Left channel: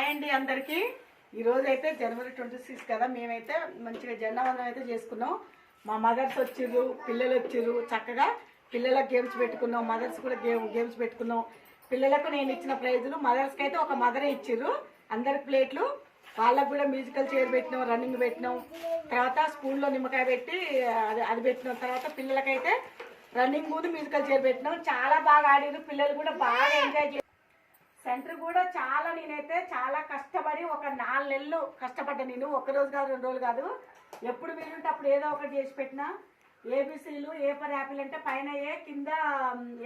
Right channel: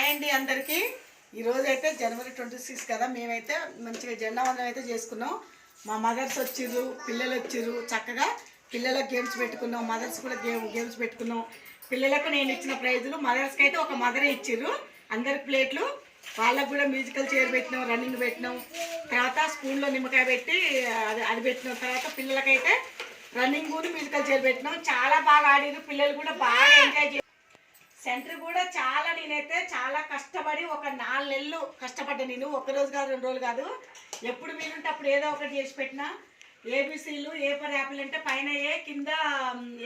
Hi అండి అందరికీ. ఈరోజు అయితే జనవరి 26 కదా, మేమైతే మంచిగా జెండా వందనం అయితే చేసుకున్నాం. మా మదర్స్ వచ్చిర్రు, పిల్లలు వచ్చిర్రు. చక్కగా పిల్లలకు గేమ్స్ పెట్టుకున్నాం, మదర్స్ కూడా గేమ్స్ పెట్టుకున్నాం. పిల్లలకు నేను ఇచ్చిన ప్రైజులు, మదర్స్కి అయితే ఒక మదరే ఇచ్చిర్రు. అందరికి ప్లేట్లు, వాళ్ళకు కూడా మ్యూజికల్ చైర్ పెట్టినాం, రన్నింగ్ పెట్టినాం. తర్వాత స్కూల్లో నిమ్మకాయ పెట్టి అది పెట్టినాం. తర్వాత పిల్లలకైతే రన్నింగ్ కూడా మ్యూజికల్ చైర్ పెట్టినాం. చాలా బాగా ఆడిరు పిల్లలు, కూడా బాగా ఎంజాయ్ చేశారు. సెంటర్ కూడా నేనైతే చాలా కష్టపడి ఒక 4 నెలలు కష్టపడ్డా. నేను ఒక రోజు కాదు, 2 రోజులు కాదు, ఎప్పుడు వీలుంటే అప్పుడు ఏదో ఒకటి చేసి పెట్టినా. ఏబిసిలు, ఏ ఫర్ యాపిల్ అంటే పైన ఏ, కింద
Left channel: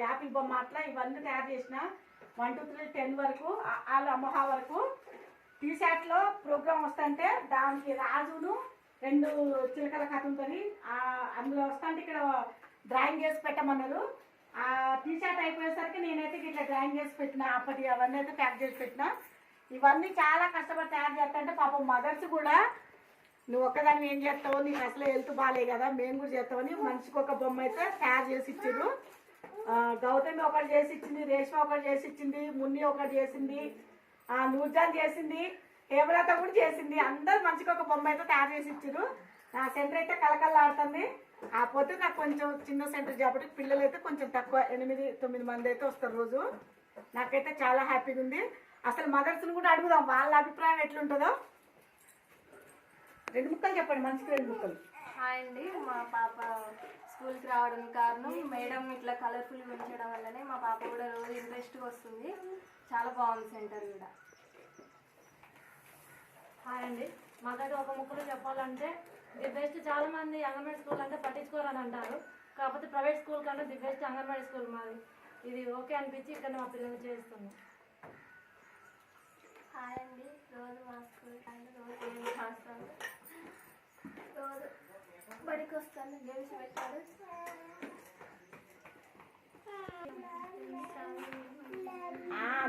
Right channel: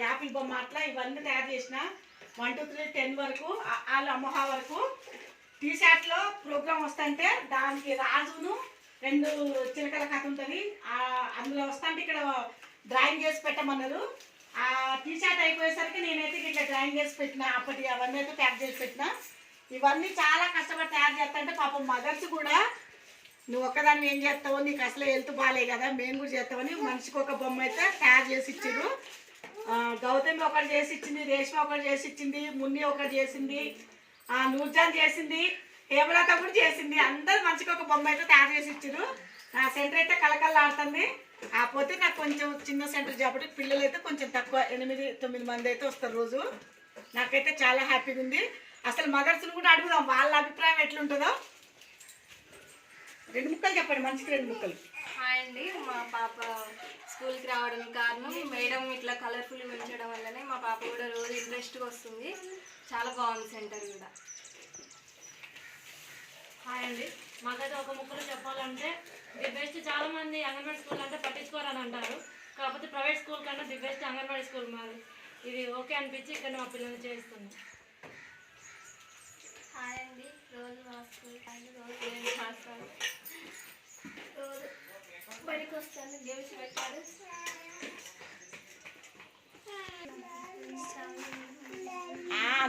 యాపిల్ బొమ్మ, అట్లా ఇవన్నీ తయారు చేసిన. 1 2 3 10 వరకు, వాళ్ళు అమ్మహా వరకు. టీషర్ట్లో ప్రోగ్రామ్ వస్తుంటే దానికి రాజును 2 చిలకల కథ ఉంటుంది. అందులో వస్తుంటే ఇక్కడ డ్రాయింగ్ చేసి పెట్టమన్నారు. ఆ టీషర్ట్ అయిపోయేసరికి నేనైతే ఇట్లా డ్రాయింగ్ చేసి పెట్టిన. అప్పటి అవన్నీ అయితే ప్యాక్ చేసి పెట్టిన. ఇవన్నీ చాలా కష్టపడి తయారు చేస్తాంటే పాపం మదర్స్ కూడా, నువ్వు ఒక్కదాన్ని ఏం చేస్తావు, నీకు అసలు హెల్త్ బాగాలే కదా, మేము కూడా చేస్తామని మనిషికి ఒక బొమ్మ అయితే తయారు చేసి ఇచ్చారు. గౌతమి ఒకటి చేసి ఇచ్చింది, రేష్మ ఒకటి చేసి ఇచ్చింది, మున్ని ఒకటి చేసింది, నూర్జాన్ చేసింది, హేమలత కూడా చేసింది. అందరు మనిషికి ఒక బొమ్మ అయితే తయారు చేసి ఇచ్చారు. నా సెంటర్ అయితే కలకల్లాడుతుంది. కాకపోతే నాకు కొంచెం చిన్న సెంటర్ కాబట్టి పిల్లలు అయితే కొంచెం తక్కువ, 8 9 మంది అయితే వస్తారు రోజు. నాకైతే చాలా హ్యాపీగా ఉంది. అసలు మదర్స్ని కూడా అడుగుదాం వాళ్ళ అభిప్రాయం ఎట్లుంటుందో. 2 ముక్కలు చెప్పండి, మంచిగా 2 ముక్కలు. హాయ్ అండి, మా పాప స్కూల్కి రావడానికి కారణం మేడం ఇట్లా కలర్ఫుల్ పెంచడం వల్లనే మా పాప కూడా రోజు ఇంట్రెస్ట్గా వస్తుంది. చాలా బాగుంది సెంటర్ కూడా. హాయ్ అండి, మాకైతే ఒక ముక్కలో చెప్పాలంటే ది బెస్ట్. చాలా మంది అంగన్వాడీ స్కూల్ అంటే పట్టించుకోరని అంటారు, కాకపోతే ప్రైవేట్ స్కూల్ కన్నా ది బెస్ట్ అంగన్వాడీ స్కూల్ మాది. ఇది ఓకే అనిపించి ఇక్కడ మా పిల్లల్ని చేస్తున్నాం. హాయ్ అండి, రోజు మా స్కూల్ కానీ రోజు నేను చేస్తాను, రోజు బడికి వస్తాను, గేమ్స్ పెట్టాడు.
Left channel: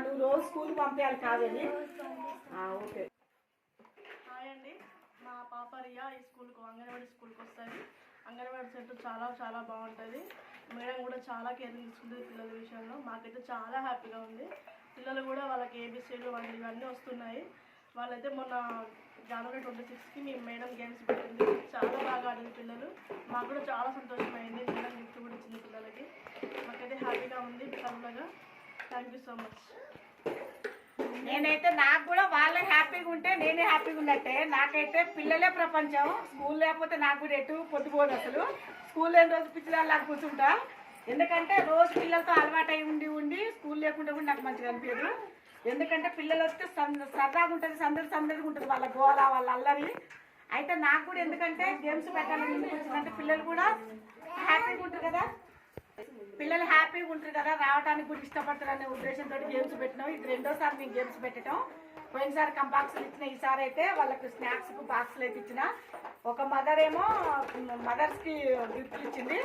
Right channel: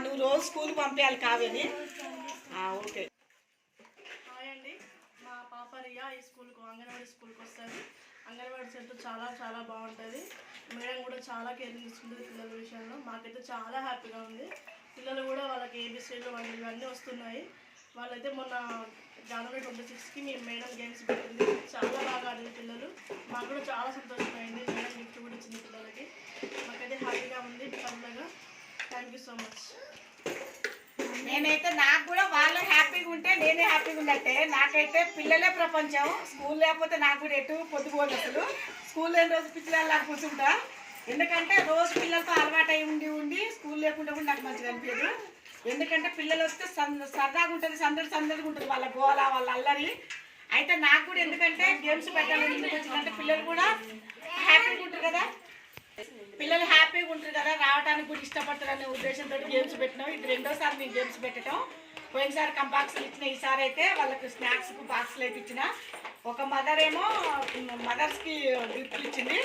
నువ్వు రోజు స్కూల్కి పంపించాలి కావేది. ఓకే. హాయ్ అండి, మా పాప రియా ఈ స్కూల్కు అంగన్వాడీ స్కూల్కి వస్తుంది. అంగన్వాడీ సెంటర్ చాలా బాగుంటుంది. మేడం కూడా చాలా కేరింగ్ తీసుకుంటుంది పిల్లల విషయంలో. మాకైతే చాలా హ్యాపీగా ఉంది. పిల్లలు కూడా వాళ్ళకి ఏబిసిలు ఇవన్నీ వస్తున్నాయి. వాళ్ళైతే మొన్న జనవరి 26కి మీ మేడం గేమ్స్ పెట్టింది, చాలా బాగా ఆడింది పిల్లలు. మాకు కూడా చాలా సంతోషమైంది. మేడం గిఫ్ట్ కూడా ఇచ్చింది పిల్లలకి. మాకైతే హ్యాపీగా ఉంది పిల్లలుగా. Thank you so much. నేనైతే నాకు కూడా వాళ్ళే హ్యాపీగా ఉంటే నేనే హ్యాపీగా ఉన్నట్టే. నాకైతే పిల్లలే ప్రపంచం. స్కూల్ లేకపోతే నాకు కూడా ఎటు పొద్దుపోదు. అసలు స్కూల్ లేని రోజు పిల్లలు కూర్చుంటా. ఎందుకంటే రోజు పిల్లలతో అలవాటు అయి ఉండి స్కూల్ లేకుండా కూడా నాకు మంచిగా అనిపించదు. ఎందుకంటే పిల్లలు వస్తే సరదాగా ఉంటుంది, సందడిగా ఉంటుంది, వాళ్ళ గోల, వాళ్ళ అల్లరి. అయితే నాకు కూడా ఎందుకంటే గేమ్స్ పెట్టాలని ఎందుకు వచ్చిందంటే పిల్లలు కూడా హ్యాపీగా ఉంటారు కదా, పిల్లలు హ్యాపీగా ఉంటారు కదా, రావడానికి కూడా ఇష్టపడతారు అనే ఉద్దేశంతో గేమ్స్ పెట్టినాం. ఇది 2వ సారి మేము గేమ్స్ పెట్టడం. పోయినసారి కంబాక్స్లు ఇచ్చిన, ఈసారి అయితే వాళ్ళకి స్నాక్స్కు బాక్సులు అయితే ఇచ్చిన. ఒక మదర్ ఏమో మదర్స్కి గిఫ్ట్లు ఇచ్చింది.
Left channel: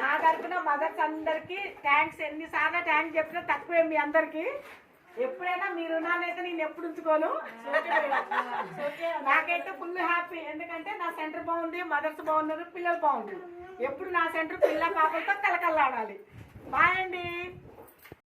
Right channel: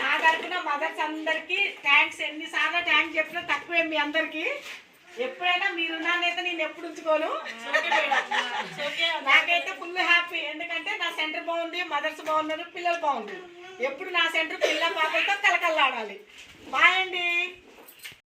నా తరఫున మదర్స్ అందరికీ థ్యాంక్స్. ఎన్నిసార్లు థ్యాంక్స్ చెప్పినా తక్కువే మీ అందరికీ. ఎప్పుడైనా మీరున్నానైతే నేను ఎప్పుడు ఉంచుకోను. నాకైతే ఫుల్ హ్యాపీ. ఎందుకంటే నా సెంటర్ బాగుంది, మదర్స్ బాగున్నారు, పిల్లలు బాగుంది. ఎప్పుడు నా సెంటర్ పిల్ల పాపలతో కలకల్లాడాలి. బాయ్ అండి.